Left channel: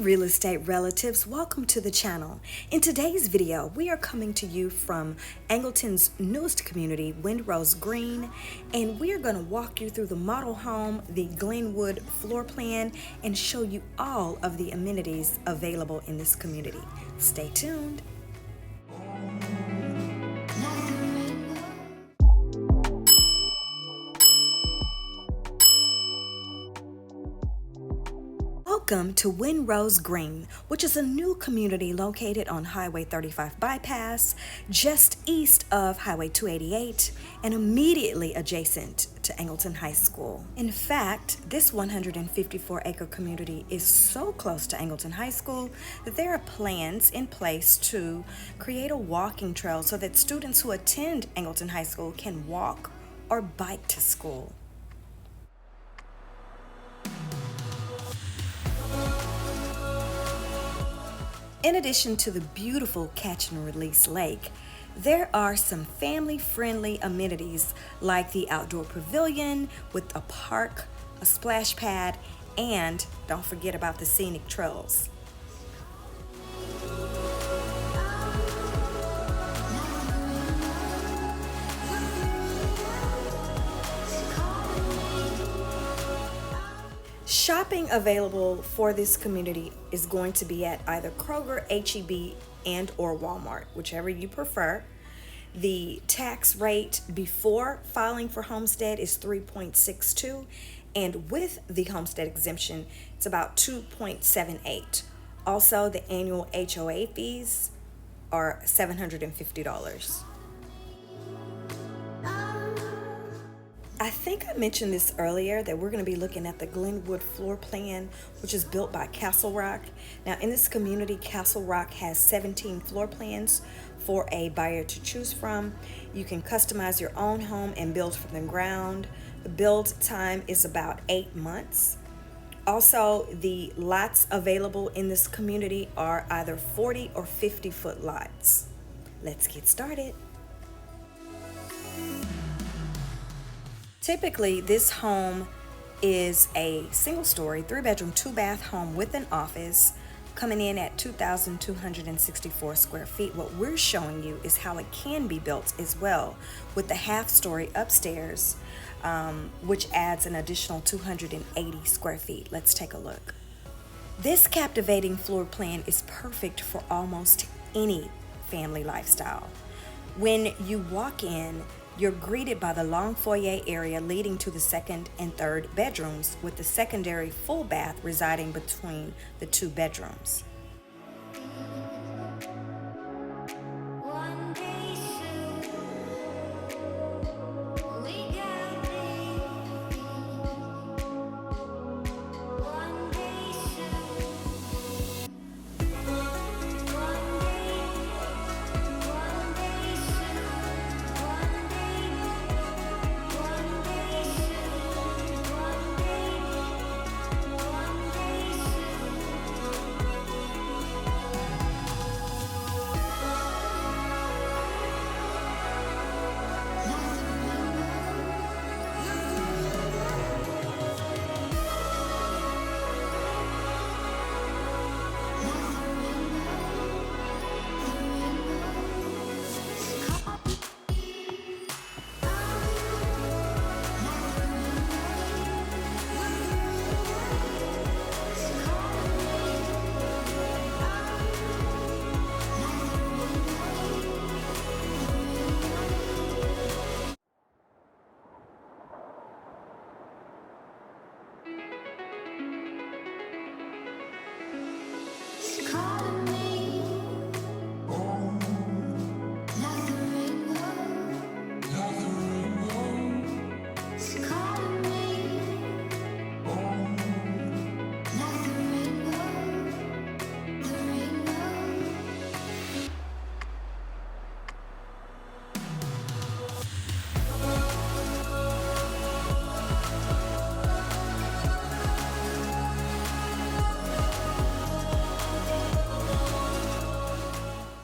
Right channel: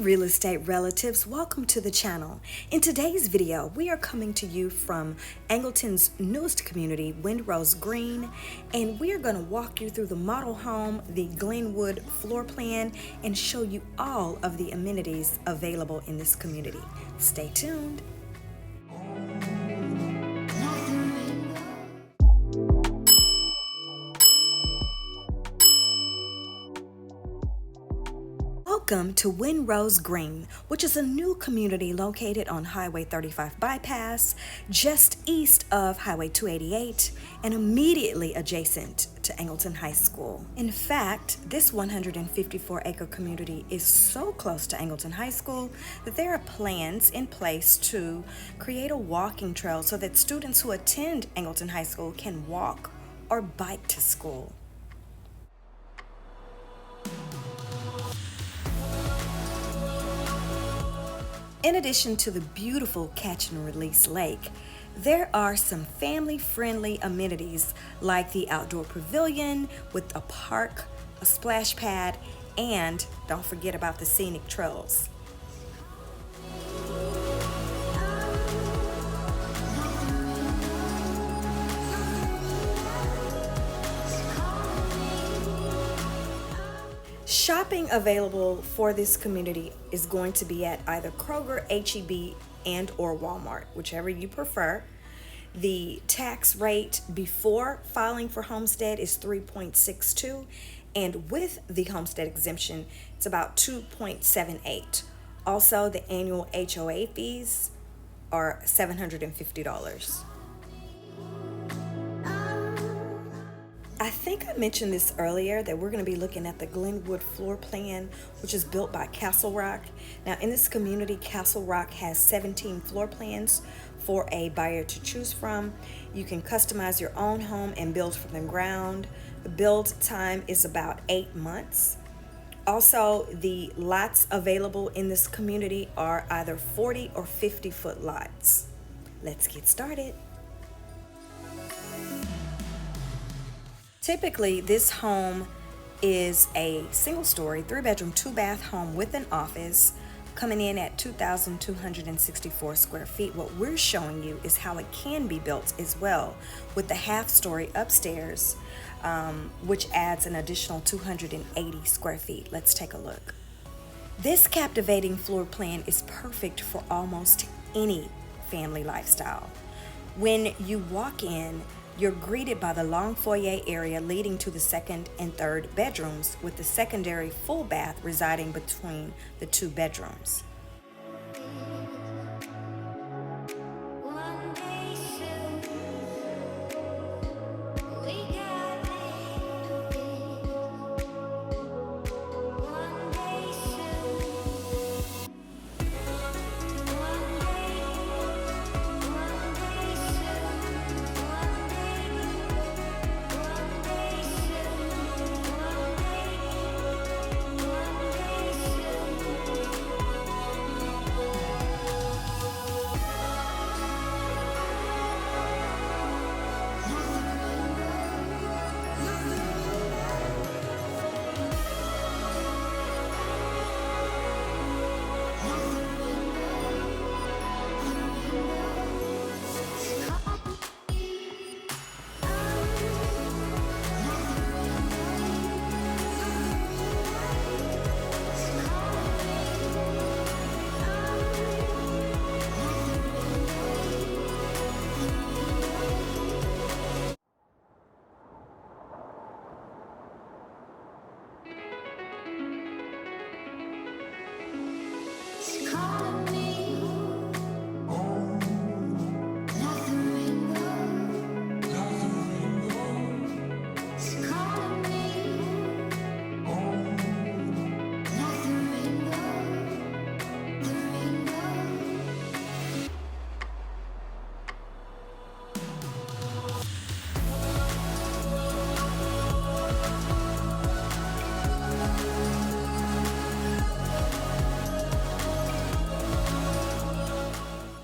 real estate relatives, welcome to the channel. In today's video, we are coming to you from Angleton's newest community, Windrose Green, and we are going to walk you through the model home, the Glendwood floor plan, and show you all of the amenities available in this community. Stay tuned. Welcome to Windrose Green, which is a new community located on Highway 35 bypass, just east of Highway 288 and immediately adjacent to Angleton High School. In fact, this 154-acre community is so close to Angleton High School that there are plans in place to create a walking trail so that students who attend Angleton High School can walk or bike to school. In addition to the beautiful catch and release lake, there are some family-friendly amenities like the outdoor pavilion with a park, a splash pad, and don't forget about the scenic trails. Shopping available for this community is going to be at either Kroger, H-E-B, and or Walmart, whichever you prefer. The tax rate before filing for homestead is 3.62, and with the homestead exemption, it's about 2.78. Also, the annual HOA fees are $750. I think I mentioned this earlier that we're going to be looking at the Glendwood floor plan, which is built by CastleRock. Now, in this community, CastleRock has 17 floor plans for a buyer to choose from. You can customize your own home and build from the ground. The build time is about 8 months. Also, the lots available in this community are either 40 or 50-foot lots. Let's get started. Typically, this home is a single-story, 3-bedroom, 2-bath home with an office, coming in at 2,264 square feet. What we're showing you is how it can be built as well, with the half-story upstairs, which adds an additional 280 square feet. Let's take a look. This captivating floor plan is perfect for almost any family lifestyle. When you walk in, you're greeted by the long foyer area leading to the second and third bedrooms, with the secondary full bath residing between the 2 bedrooms.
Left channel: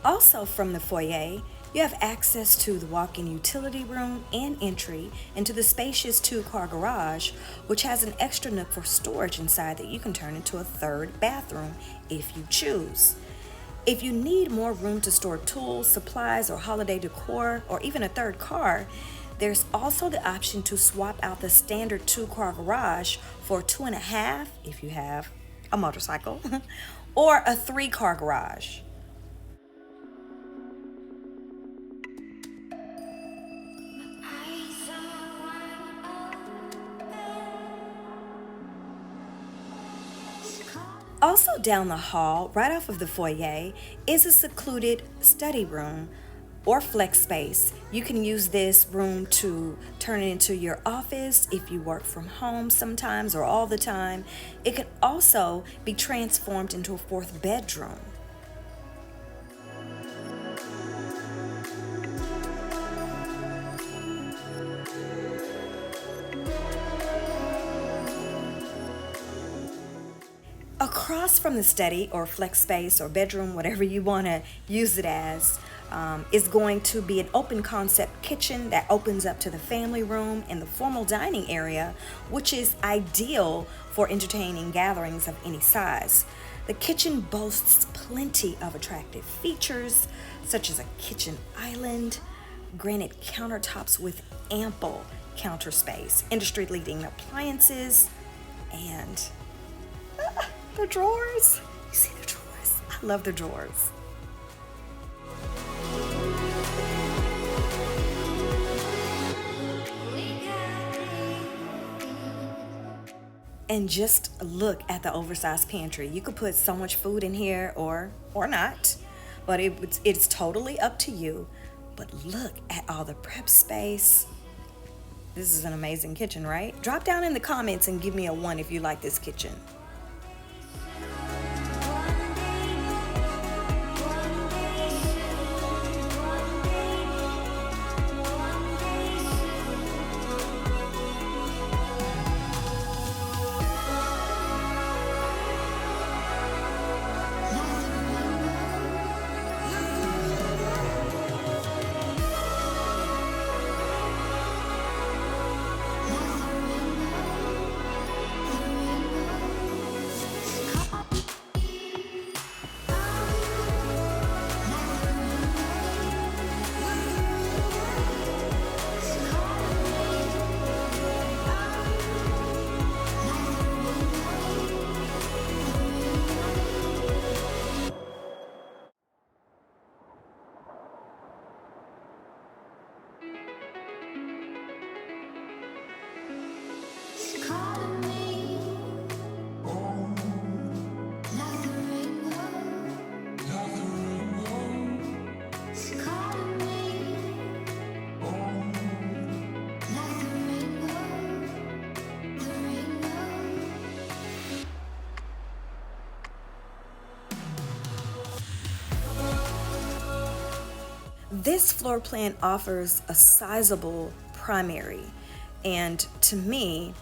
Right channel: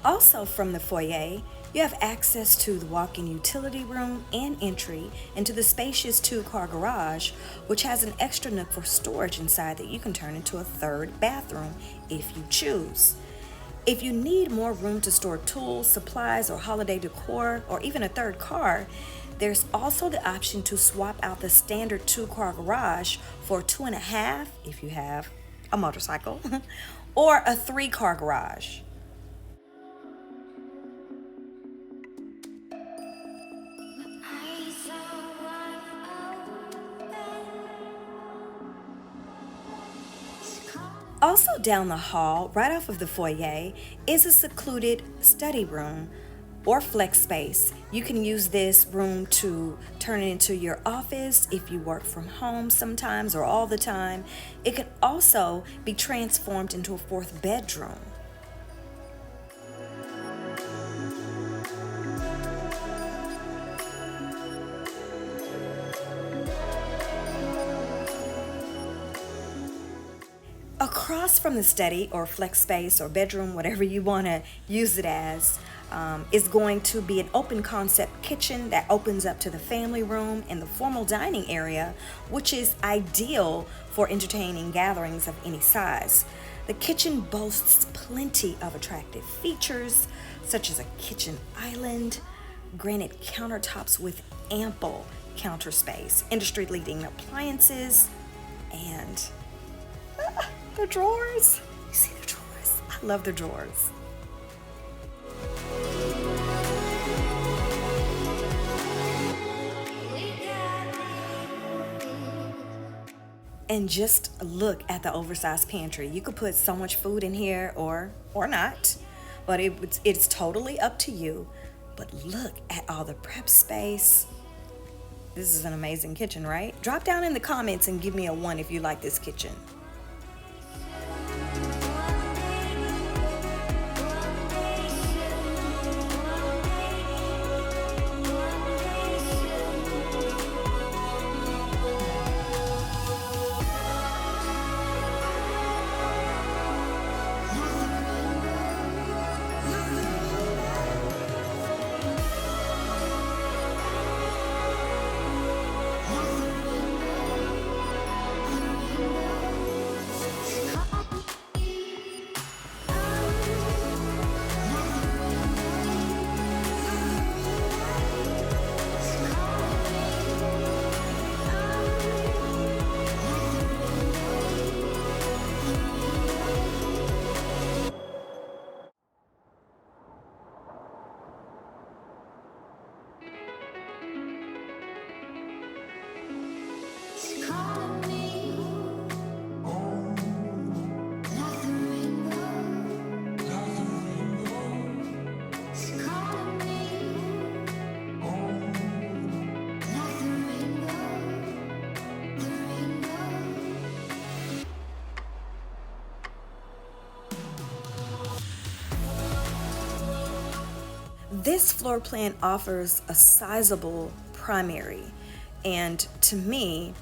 Also from the foyer, You have access to the walk-in utility room and entry into the spacious two-car garage, which has an extra nook for storage inside that you can turn into a third bathroom if you choose. If you need more room to store tools, supplies, or holiday decor, or even a third car, there's also the option to swap out the standard two-car garage for 2.5 if you have a motorcycle, or a three-car garage. Also down the hall, right off of the foyer, is a secluded study room or flex space. You can use this room to turn it into your office if you work from home sometimes or all the time. It can also be transformed into a fourth bedroom. Across from the study or flex space or bedroom, whatever you want to use it as, is going to be an open concept kitchen that opens up to the family room and the formal dining area, which is ideal for entertaining gatherings of any size. The kitchen boasts plenty of attractive features, such as a kitchen island, granite countertops with ample counter space, industry-leading appliances, and the drawers. You see the drawers? I love the drawers. And just look at the oversized pantry. You could put so much food in here or not, but it's totally up to you. But look at all the prep space. This is an amazing kitchen, right? Drop down in the comments and give me a 1 if you like this kitchen. This floor plan offers a sizable primary, and to me,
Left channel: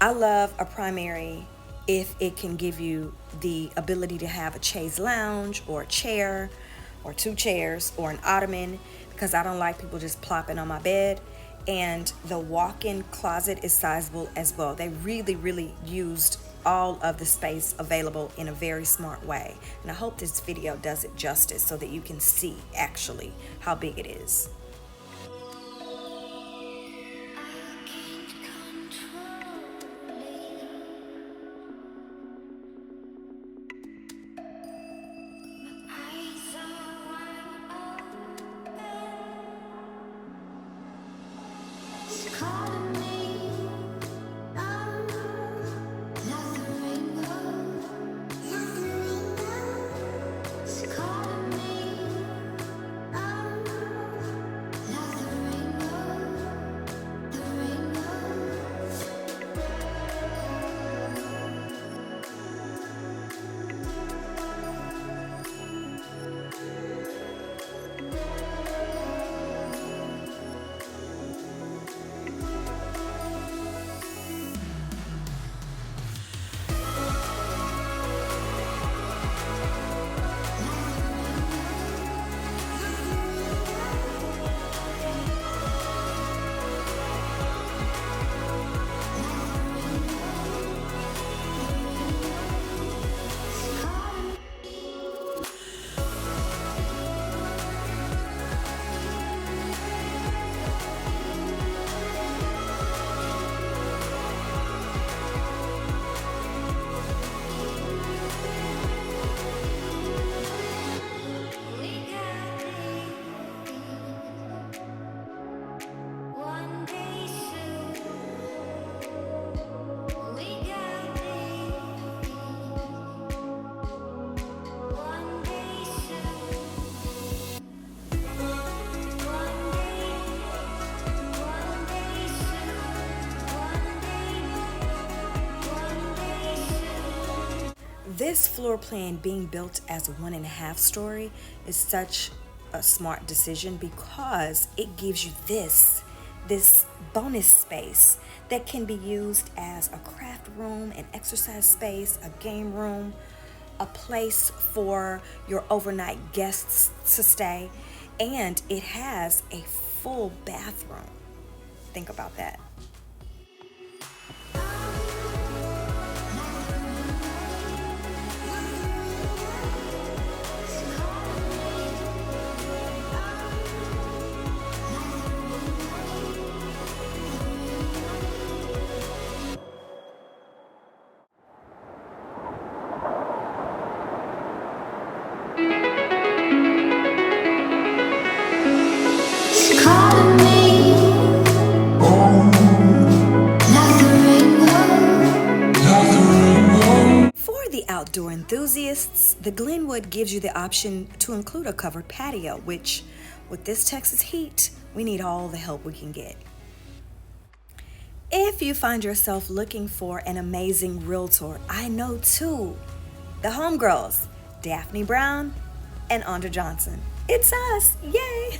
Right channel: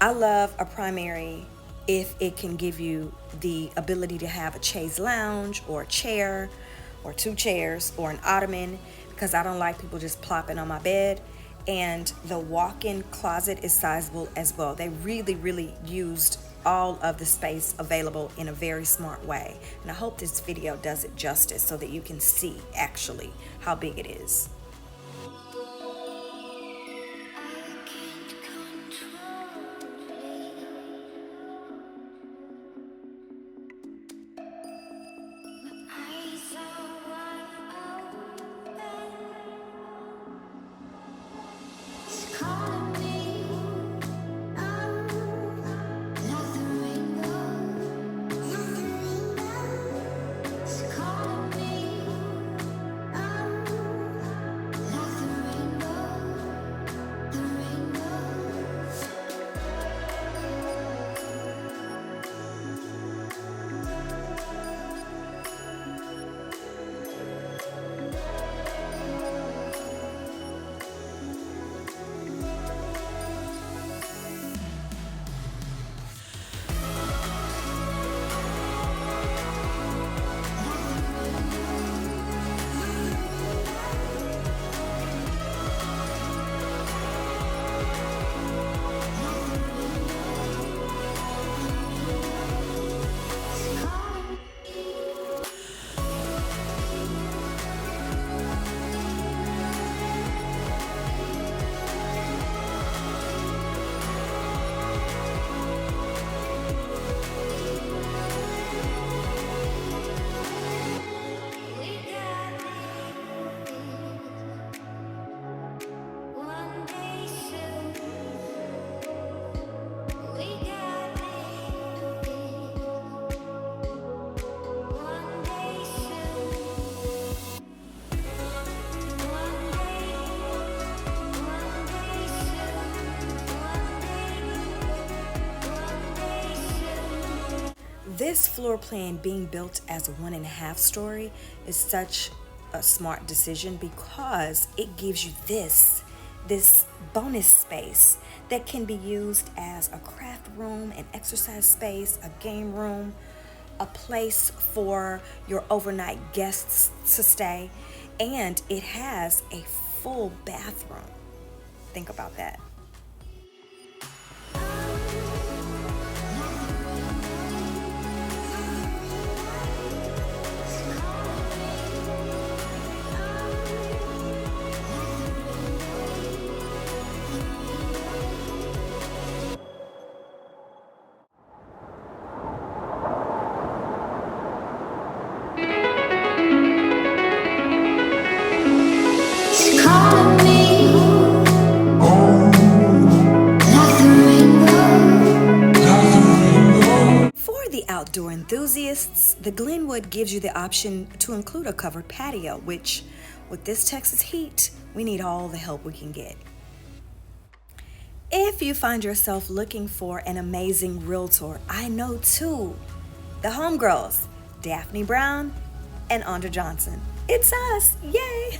I love a primary if it can give you the ability to have a chaise lounge or a chair or 2 chairs or an ottoman, because I don't like people just plopping on my bed. And the walk-in closet is sizable as well. They really used all of the space available in a very smart way. And I hope this video does it justice so that you can see actually how big it is. this floor plan being built as a 1.5 story is such a smart decision because it gives you this bonus space that can be used as a craft room, an exercise space, a game room, a place for your overnight guests to stay, and it has a full bathroom. Think about that. Calling me like the rainbow. For the outdoor enthusiasts, the Glendwood gives you the option to include a covered patio, which, with this Texas heat, we need all the help we can get. If you find yourself looking for an amazing realtor, I know two, the homegirls, Daphne Brown and Andra Johnson. It's us, yay!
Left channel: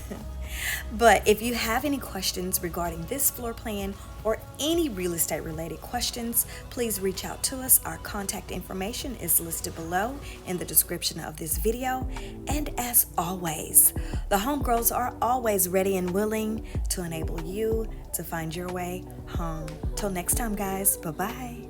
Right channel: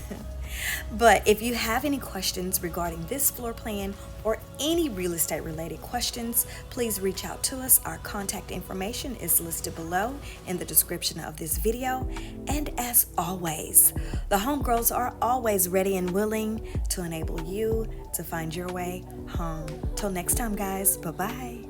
But if you have any questions regarding this floor plan or any real estate related questions, please reach out to us. Our contact information is listed below in the description of this video. And as always, the homegirls are always ready and willing to enable you to find your way home. Till next time, guys, bye-bye.